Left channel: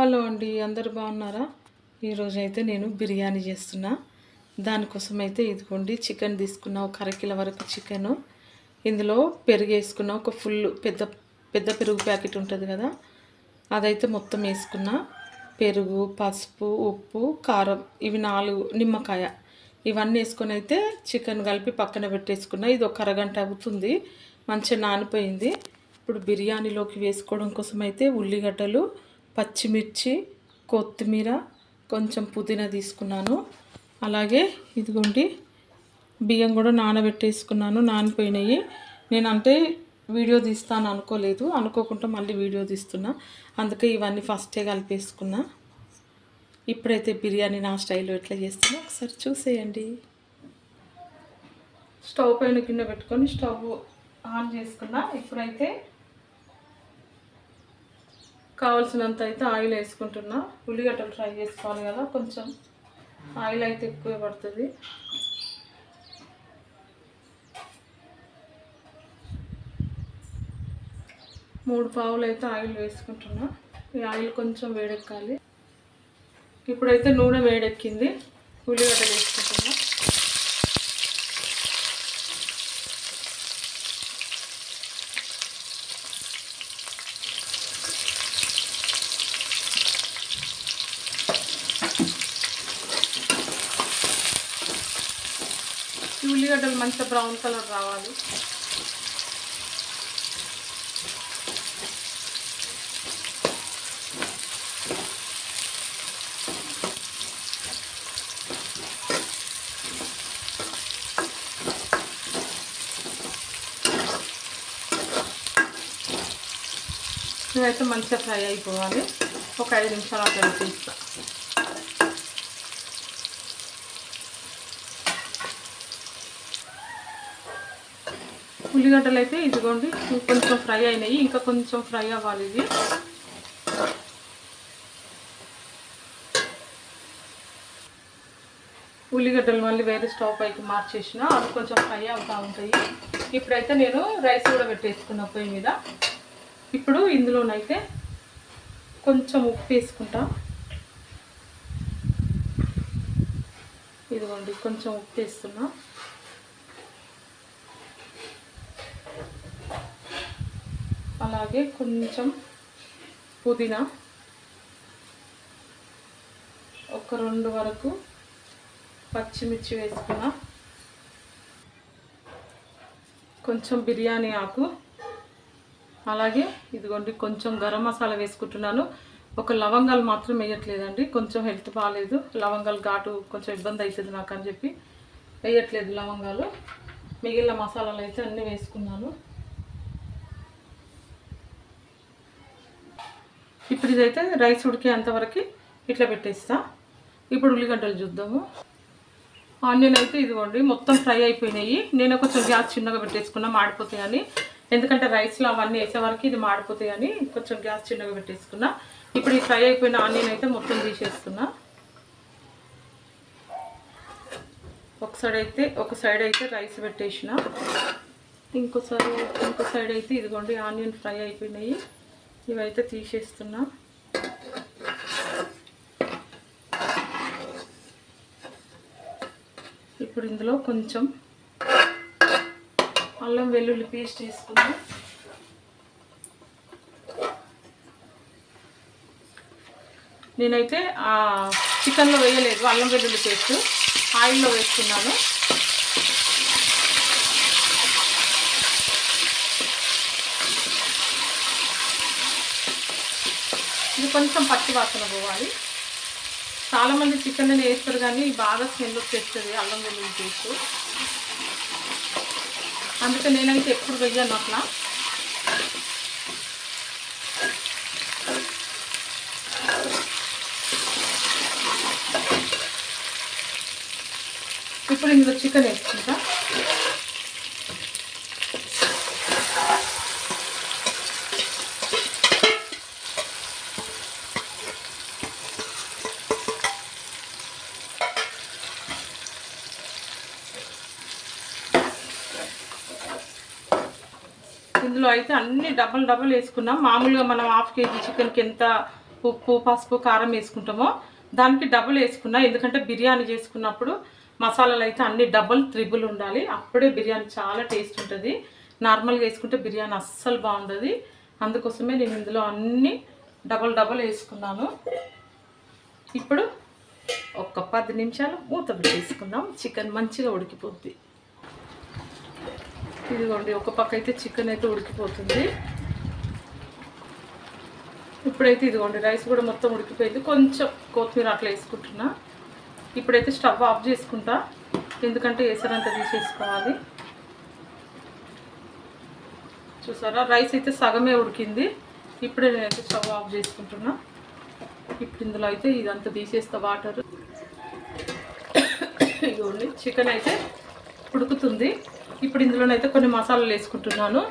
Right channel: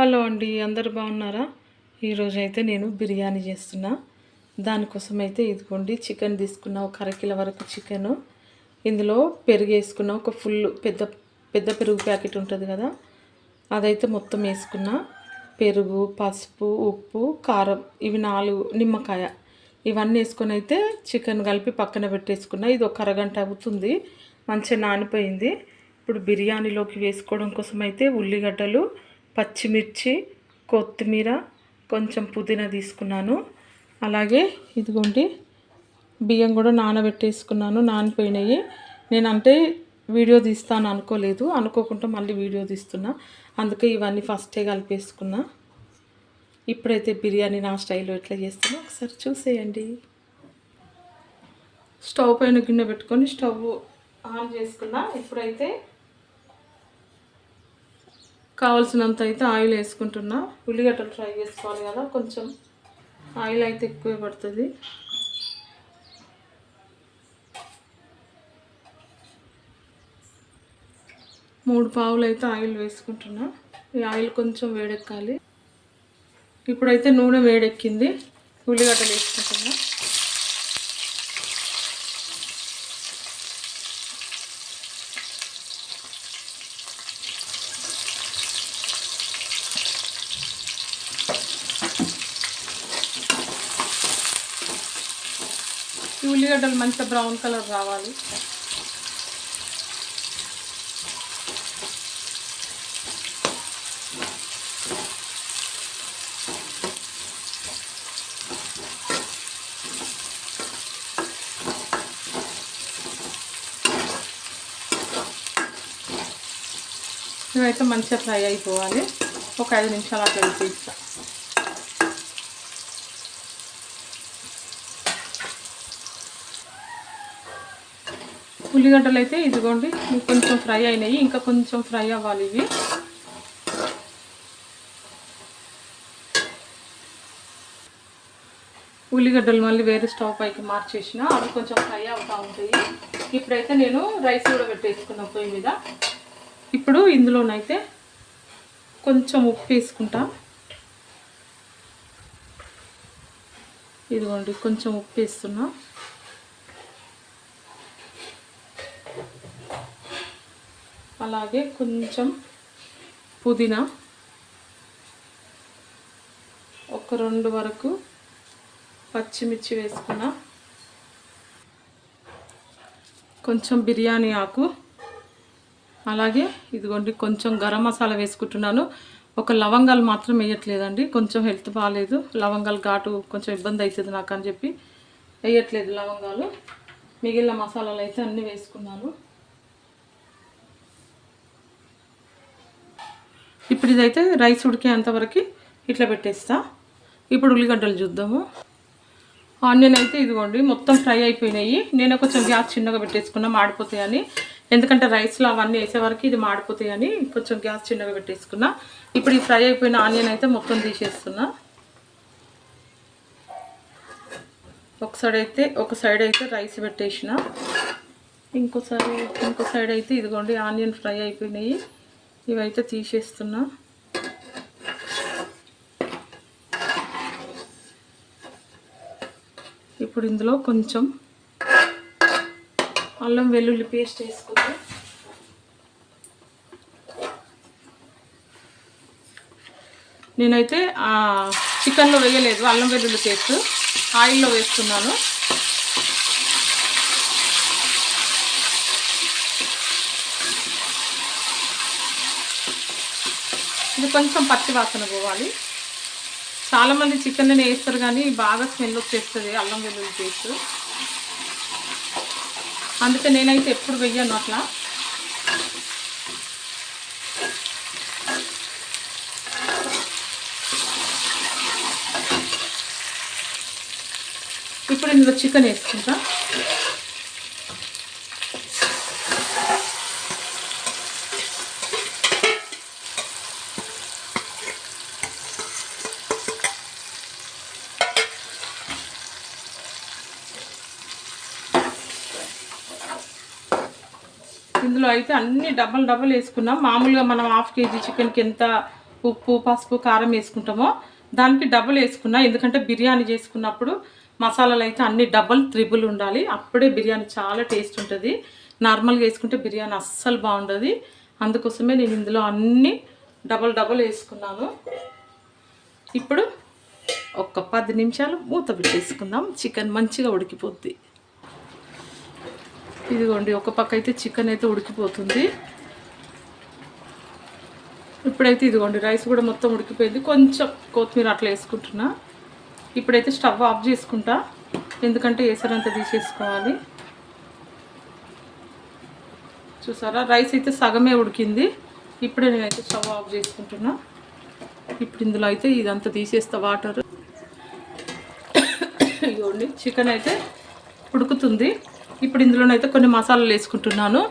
Hello అండి అందరు బాగున్నారా? ఈరోజు అయితే నేను బిర్యానీ చేస్తున్నా. దానికోసం అయితే ఇదిగోండి చికెన్ తీసుకున్న ఒక అరకిల వరకు చికెన్. ఇందులో పెరుగు వేసుకున్న ఒక ఫుల్ పెద్ద పెద్ద పెరుగు ప్యాకెట్ ఉంటుంది కదా అదైతే మొత్తం వేసుకున్నా. పెరుగు పసుపు ఉప్పు కారం ఇవి నాలుగు నిమ్మకాయ. ఇవన్నీ వేసుకొని అయితే చికెన్ కలిపి పక్కన పెట్టేసుకున్నా. ఇది ఒక అరగంట అవుతుంది మంచిగా నానిపోయింది. ఇప్పుడు బిర్యానీలోకి వేసుకోవడం కోసం అయితే ఉల్లిగడ్డలు పచ్చిమిర్చి కొత్తిమీర కొంచెం పుదీనా తీసుకున్నాను. అలాగే ఇదిగోండి బియ్యం కూడా నానబెట్టేసుకున్నాను నానిపోయినాయి. నేను అంటే వీడియో తీస్తాను అనుకోలేదు అనుకోకుండా మళ్ళీ వీడియో తీస్తున్నా. అందుకే ఇవన్నీ ఫస్టే కలిపేసుకున్నా. ఇప్పుడైతే బిర్యానీ నా స్టైల్లో ఎట్లా చేస్తున్నా ఒకసారి చూసేయండి. స్టవ్ పైన గిన్నె పెట్టుకొని స్టవ్ ఆన్ చేసుకున్నా. ఇప్పుడైతే కావాల్సినంత అయితే ఆయిల్ వేసుకుంటున్నా. ఉల్లిగడ్డలు ఫ్రై చేసుకోవాలి కదా కొంచెం ఆయిల్ అయితే ఎక్కువ పడుతుంది. మూడు పావులు అయితే ఆయిల్ వేసుకుంటున్నా. ఈ ఆయిల్ కొంచెం వేడెక్కాలి. ఇప్పుడైతే నూనె వేడెక్కింది. ఉల్లిగడ్డలు వేసుకుంటున్నా ఈ ఉల్లిగడ్డలు మంచిగా బ్రౌన్ కలర్ రావాలి. ఇవైతే మంచిగా ఫ్రై అయిపోవాలి. ఒక ఐదు నిమిషాలు అట్లా తీస్తా ఉల్లిగడ్డలు అయితే ఇదిగోండి కొంచెం ఫ్రై అయినాయి ఇంకా కొంచెం ఫ్రై అవ్వాలి ఇవి. ఉల్లిగడ్డలు మళ్ళీ వేరే స్టవ్ పైకి మార్చేసిన అవి కొంచెం ఫ్రై అవుతూ ఉంటాయి. ఇప్పుడైతే నేను రైస్ కూడా పెట్టేసుకున్న పొయ్యి మీద. ఇప్పుడు ఇందులోనైతే కొంచెం ఉప్పు వేసుకుంటా. ఇదిగోండి కొంచెం ఉప్పు వేస్తున్నా. అలాగే కొంచెం పుదీనా. ఒక రెండు వరకు పచ్చిమిర్చి వేసుకున్నా. కొంచెం బిర్యానీ ఆకు. అలాగే ఇదిగోండి కొంచెం గరం మసాలా వేసుకుంటున్నాను. ఒక లవంగాలు మాత్రం వేయట్లేదండి కొంచెం హెల్త్ బాగాలేదు లవంగాలు ఘాటు కొంచెం ఇబ్బంది అవుతుంది నాకు అని చెప్పి వేయట్లేదు లవంగాలు. మిగిలిన మసాలాలు అయితే అన్నీ వేసుకున్నాను. ఇప్పుడు ఇదైతే రైస్ ఉడికేంతవరకు ఇట్లా పెట్టేస్తా. ఇప్పుడు ఉల్లిగడ్డలు చూద్దాము. ఆనియన్ అయితే ఇదిగోండి మొత్తం ఫ్రై అయిపోయినాయి. నేను కొంచెం గ్యాస్ చిన్నగా పెట్టేసుకున్నా మాడిపోతాయని. ఎందుకంటే రైస్లో అవన్నీ వేసే వరకు ఇది మాడిపోతాయని కొంచెం గ్యాస్ చిన్నగా పెట్టేసుకున్నా. ఇప్పుడు ఈ ఫ్రై అయిపోయిన ఆనియన్ అయితే మొత్తం తీసేస్తున్నా. ఒక సైడ్ అయితే ఒక సైడ్ అయితే రైస్ పెట్టేసిన. ఇంకోసారి ఇంకో సైడ్ అయితే ఇదిగోండి ఆనియన్ ఫ్రై అయిపోయినాయి. ఇవైతే తీసేస్తున్నా. ఇప్పుడు ఇందులో కొంచెం అల్లం వెల్లుల్లి పేస్ట్ వేసుకుందాం. నేనైతే చికెన్లో వేయలేదు అల్లం వెల్లుల్లి పేస్ట్. ఆయిల్లో వేస్తున్నాను. ఇది కొంచెం పచ్చి వాసన పోవాలి. చాలామంది చికెన్ వేస్తారు కానీ బాగా స్మెల్ వచ్చేస్తుంది అల్లం వెల్లుల్లి పేస్ట్. అందుకే నేనైతే ఎప్పుడు వెయ్యను అట్లా. ఇప్పుడు ఇందులో చికెన్ వేసుకుంటా. ఇందులో అయితే అన్ని డబల్ డబల్ వేసుకున్నాం. మామూలుగా మనం హాఫ్ కేజీ చికెన్కి ఎంత ఉప్పు పసుపు కారం వేసుకుంటామో దానికి డబుల్ వేసుకున్నా. ఎందుకంటే బిర్యానీ చేసుకున్నప్పుడు మసాలాలు అయితే అన్ని డబుల్ త్రిబుల్ ఉండాలి. అప్పుడే బిర్యానీ చాలా టేస్ట్ ఉంటుంది. నార్మల్గా వేసుకుంటే బిర్యానీ అస్సలు బాగుంటుంది అందుకోసమే నేను ఇందులో అన్నీ డబల్ డబల్ వేసుకున్నాను. ఇప్పుడు ఒక పది నిమిషాలు మూత పెట్టేసుకుందాం. చికెన్ మంచిగా ఉడికిపోద్ది. ఇదిగోండి ఒక పక్క అయితే చికెన్ అయితే ఉడికిపోతుంది. ఇప్పుడైతే ఇదిగోండి రైస్ కూడా మొత్తం ఉడికిపోయింది. కొంచెం కొత్తిమీర అట్లా వేసుకుంటున్నా. ఇప్పుడైతే స్టవ్ ఆఫ్ చేసుకుంటా. ఎందుకంటే వేసరంతా తీసేసుకోవాలి. చూసారా? రైస్ అయితే సగమే ఉడికింది. ఇప్పుడే నేనైతే స్టవ్ ఆఫ్ చేసుకుంటున్నా. ఇప్పుడు ఇందులో అయితే ఇదంతా తీసేస్తా వాటర్. ఇదిగోండి చికెన్ అయితే ఉడుకుతుంది. ఇప్పుడు ఇందులోనైతే కొన్ని మసాలాలు వేసుకుంటున్నాను.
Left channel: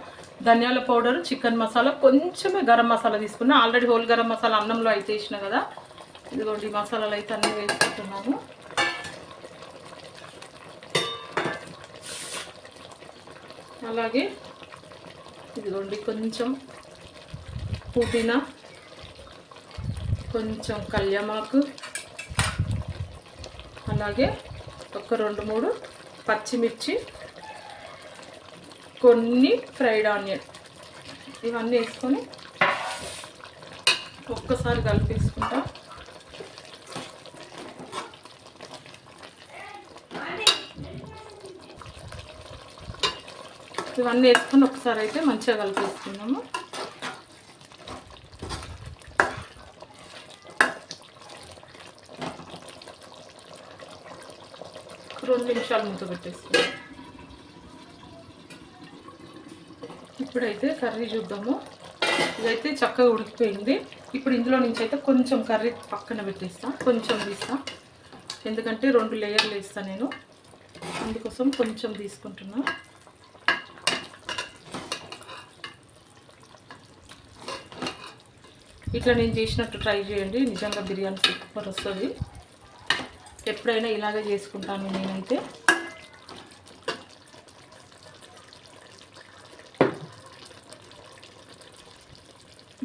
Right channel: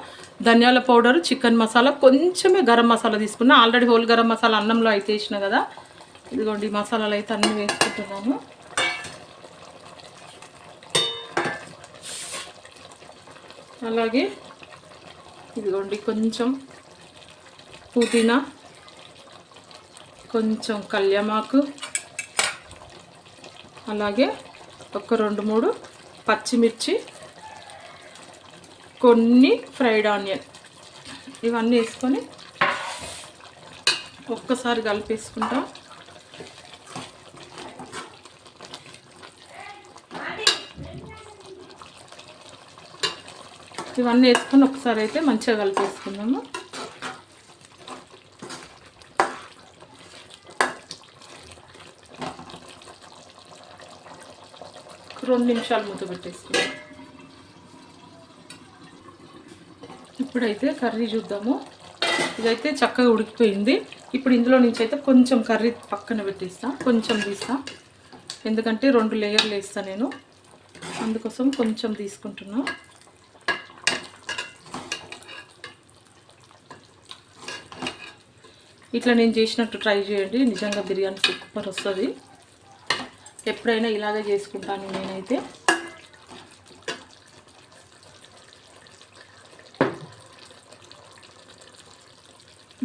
ధనియాల పౌడర్ చికెన్ మసాలా కొంచెమే గరం మసాలా తీసుకున్నా. ఆల్రెడీ హోల్ గరం మసాలా అన్నంలో అయితే వేసిన కదా. ఇదిగోండి మసాలాలు అయితే అన్నీ వేసుకుంటున్నాను. అలాగే ఇదిగోండి కొంచెం పుదీనా కొంచెం కళ్యామాకు అలాగే ఒక రెండు మూడు పచ్చిమిర్చి కొన్ని ఫ్రైడ్ ఆనియన్. ఇవన్నీ వేసుకొని ఒక్కసారి కలిపేసుకుంటాం. ఇవన్నీ వేసుకొని ఒకసారి అయితే మంచిగా కలిపేసుకుందాము. రెండు నిమిషాలు మూత పెట్టేసుకుందాం. ఇప్పుడైతే కర్రీ చూద్దాము. ఇదైతే చక్కగా ఉడికిపోయింది. ఇప్పుడు ఇందులో నుంచి అయితే కొంచెం కర్రీ పక్కన పెట్టేస్తా. కొంచెం తీస్తా. ఎందుకంటే రెండు లేయర్లు వేస్తా నేను. అందుకోసం కొంచెం తీసుకుంటున్నా. ఇట్లా నేను చేసినట్టు ట్రై చేయండి. నిజంగా బిర్యానీ సూపర్ వస్తుంది. ఎప్పుడైనా ఇలాగే చేసుకుంటాను నేనైతే.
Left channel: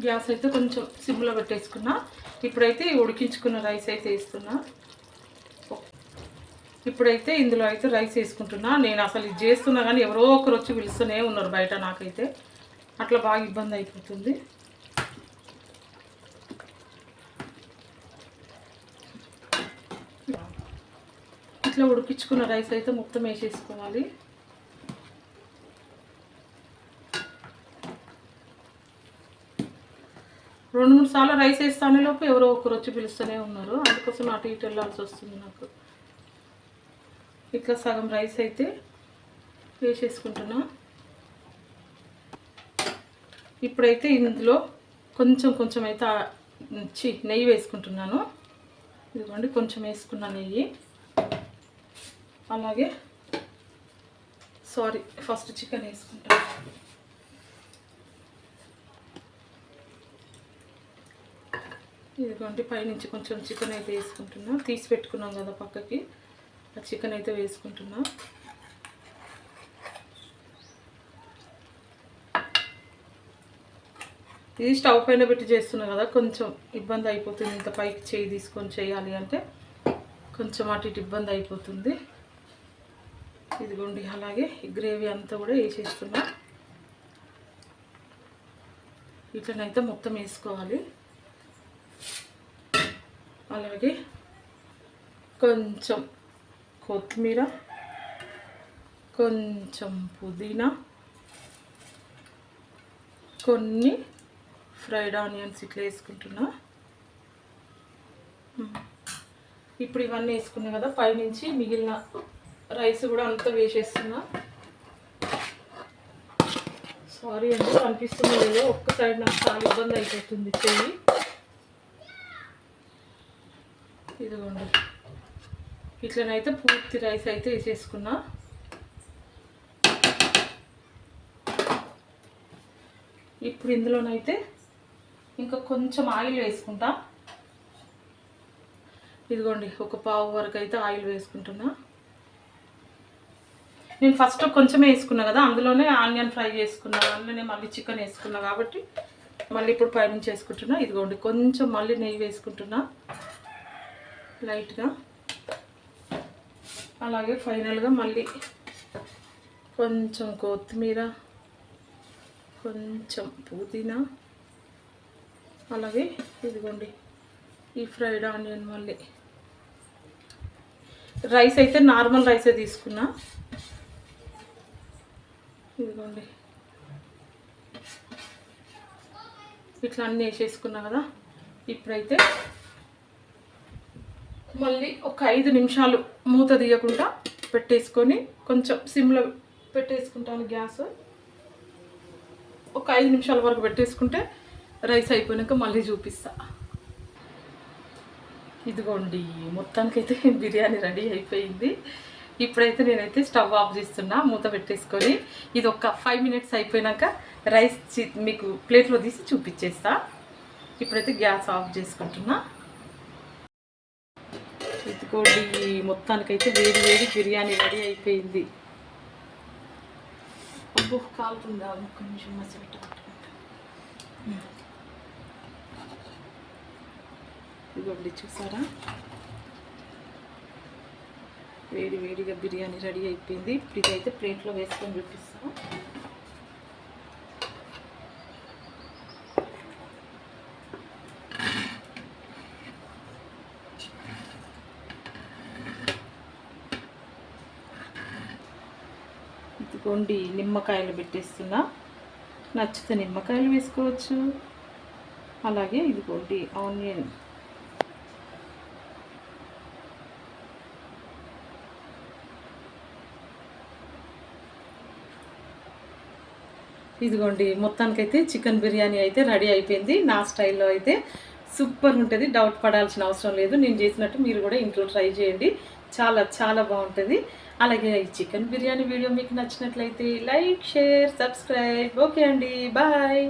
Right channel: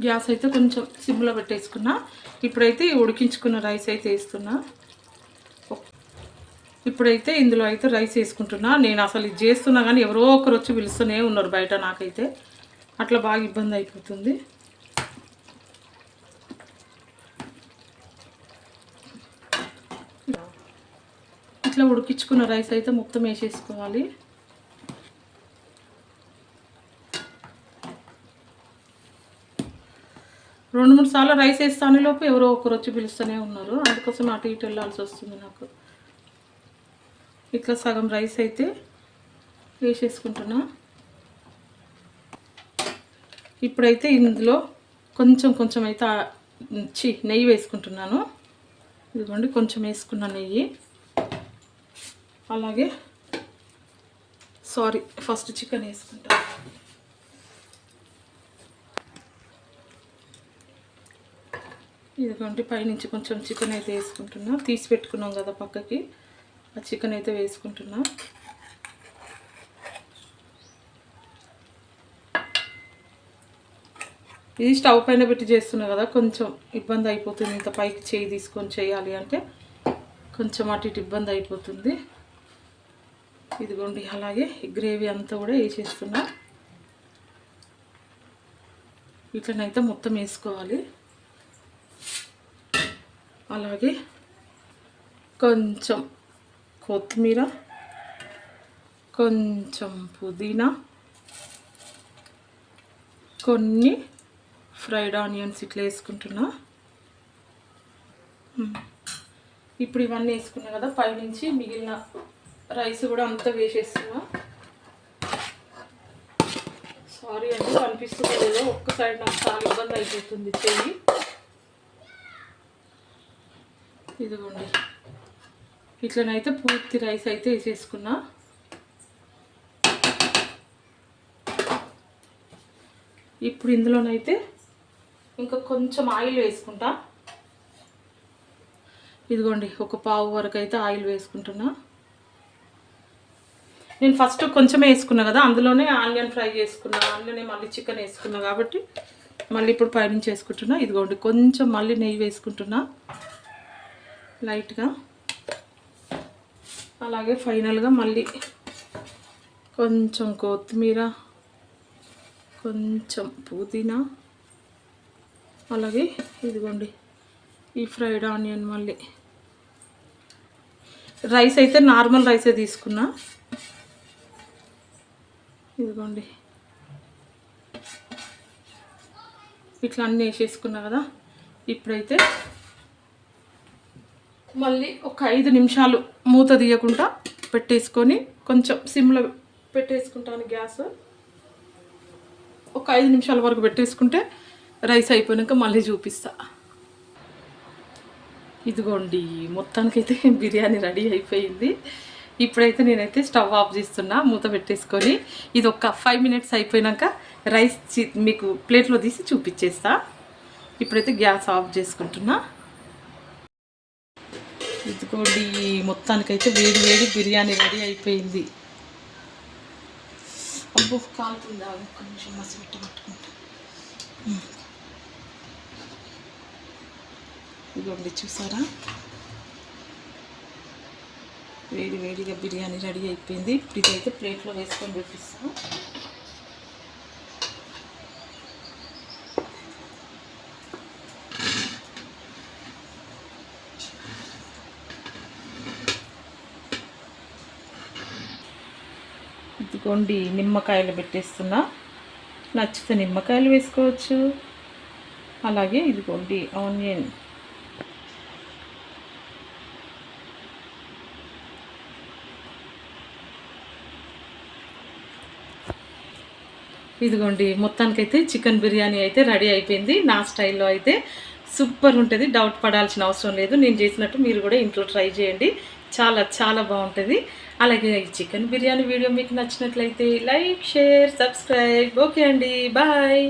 గ్యాస్ అయితే కొంచెం సిమ్లో పెట్టేసుకున్నా. ఇప్పుడైతే ఉడికించుకున్న రైస్ అయితే వేస్తున్నా. ఇప్పుడైతే ఇందులో అయితే రైస్ వేసుకుంటున్నా. నేను అసలు ఇది చేస్తున్నా కానీ ఎవరో ఒకరు వచ్చి పిలుస్తూనే ఉన్నారు బయట నాకైతే. అట్లా బాగా ఇబ్బంది అయిపోతుంది. ఇట్లా ఉడికించుకున్న రైస్ అయితే మొత్తం వేసేసుకోవాలి. రెండు మూడు సార్లు రైస్ వేస్తాను లోపు ఎవరో ఒకరు వచ్చి పిలుస్తూనే ఉన్నారు. అందుకోసం అటు ఇటు వెళ్ళాల్సి వస్తుంది నాకు. ఇట్లా సగం రైస్ అయితే వేసేసుకుంటున్నా. ఇప్పుడైతే ఇందులో కొంచెం కొంచెం అయితే చి నెయ్యి వేసుకుంటున్నాను. ఇదిగోండి కొంచెం వేసుకున్న నెయ్యి. అలాగే సారీ ఫస్ట్ చికెన్ వేసుకుంటాను ఇదిగోండి పైనుంచి కొంచెం చికెన్ అయితే వేసుకుంటున్నా. తీసి పెట్టుకున్నాం కదా పక్కకి. ఆ చికెన్ అయితే వేసుకుంటున్నా. ఇది స్టవ్ పైన పెట్టి చేస్తున్నా కదా కొంచెం ఇబ్బంది అయిపోతుంది. ఇంత పైకి చేయి తీసుకొని చేయాలి అంటే కొంచెం అటు ఇటు ఇబ్బంది అయిపోతుంది. ఇదిగోండి అలాగే గ్రేవీ అంతా కూడా వేసేస్తున్నా. ఇట్లనైతే మొత్తం వేసుకోవాలి. అలాగే కొంచెం కొత్తిమీర కొంచెం పుదీనా కొన్ని ఫ్రైడ్ ఆనియన్స్ ఇట్లా వేసుకుంటున్నా. ఇప్పుడు ఇవన్నీ వేసుకున్నా కదా పైనుంచి మిగిలిన రైస్ కూడా అంతా వేసేస్తున్నా. సారీ అండి కనిపిస్తుంది లేదో ఒక్క సైడ్ నాకు చాలా ఇబ్బంది అయిపోతుంది చెయ్యి. ఇదిగోండి. ఇట్లనైతే పూర్తి రైస్ అయితే వేసేసుకున్నా. ఇప్పుడు ఇందులోనైతే ఇంకా కొంచెం ఆయిల్ వేసుకుంటా. ఇదిగోండి ఒక పావు వరకు అయితే ఆయిల్ వేసుకుంటున్నా. నేను ఫస్ట్ కొంచెం వేసుకున్నా కదా అందులోనే ఆనియన్ ఫ్రై చేసుకున్నా అందులోనే మళ్ళీ చికెన్ వేసుకున్నా కాబట్టి మళ్ళీ ఇప్పుడు పైనుంచి వేసుకుంటున్నా. ఇదిగోండి కొంచెం మళ్ళీ నెయ్యి వేసుకుంటున్నా. లైట్గా. అలాగే ఫైనల్గా మళ్ళీ కొంచెం కొత్తిమీర కొంచెం పుదీనా అలాగే ఇదిగోండి ఈ ఫ్రైడ్ ఆనియన్ మళ్ళీ. రైస్ అయితే నార్మల్ రైసే తీసుకున్నా. ఇదిగోండి. ఇట్లా అన్నీ వేసేసుకున్నా కదా ఇప్పుడైతే మళ్ళీ ఒక ఐదు నిమిషాలు మూత తీయకుండా పెట్టేసుకొని కొంచెం సిమ్లో పెట్టేసుకుంటాను గ్యాస్. ఒక ఐదు నిమిషాల వరకు పెట్టేసుకుంటే రైస్ అయిపోయాక మళ్ళీ చూపిస్తా. ఇదిగోండి మొత్తానికైతే బిర్యానీ రెడీ అయిపోయింది. ఇప్పుడైతే నేనైతే స్టవ్ ఆఫ్ చేస్తున్నా మూత పెట్టేసుకొని. ఇది ఒక ఫైవ్ మినిట్స్ అయిపోయాక రైస్ మీకు ప్లేట్లో తీసి చూపించేస్తా. ఇప్పుడైతే గ్యాస్ ఆఫ్ చేసుకుంటున్నా. ఇదిగోండి మొత్తానికైతే వేడి వేడి బిర్యానీ రెడీ అయిపోయింది. అబ్బో ఆ ఒక్క నిమిషం మసి పెట్టుకుంటా. ఇదిగోండి చూసారా? వేడి వేడిగా బిర్యానీ రెడీ అయిపోయింది. ఇప్పుడు ఇదైతే ప్లేట్లో వేసుకొని చూపిస్తాను ఇదిగోండి నిమ్మకాయలు పెట్టేస్తున్నా. నచ్చితే నిమ్మకాయలు వేసుకోవచ్చు. అలాగే ఇదిగోండి ఆనియన్. ఇదిగోండి మొత్తానికైతే చికెన్ బిర్యానీ అయితే రెడీ అయిపోయింది. నా స్టైల్లో అయితే సూపర్ ఉంటుంది. డౌట్ పడాల్సిన అవసరం లేదు. నేను చేసినట్టు మీరు కూడా ఇంట్లో ట్రై చేయండి. చాలా చాలా బాగుంటుంది. అలాగే ఈ చికెన్ బిర్యానీ వీడియో మీకు నచ్చినట్లయితే లైక్ షేర్ సబ్స్క్రైబ్. ఓకే అండి. బాయ్.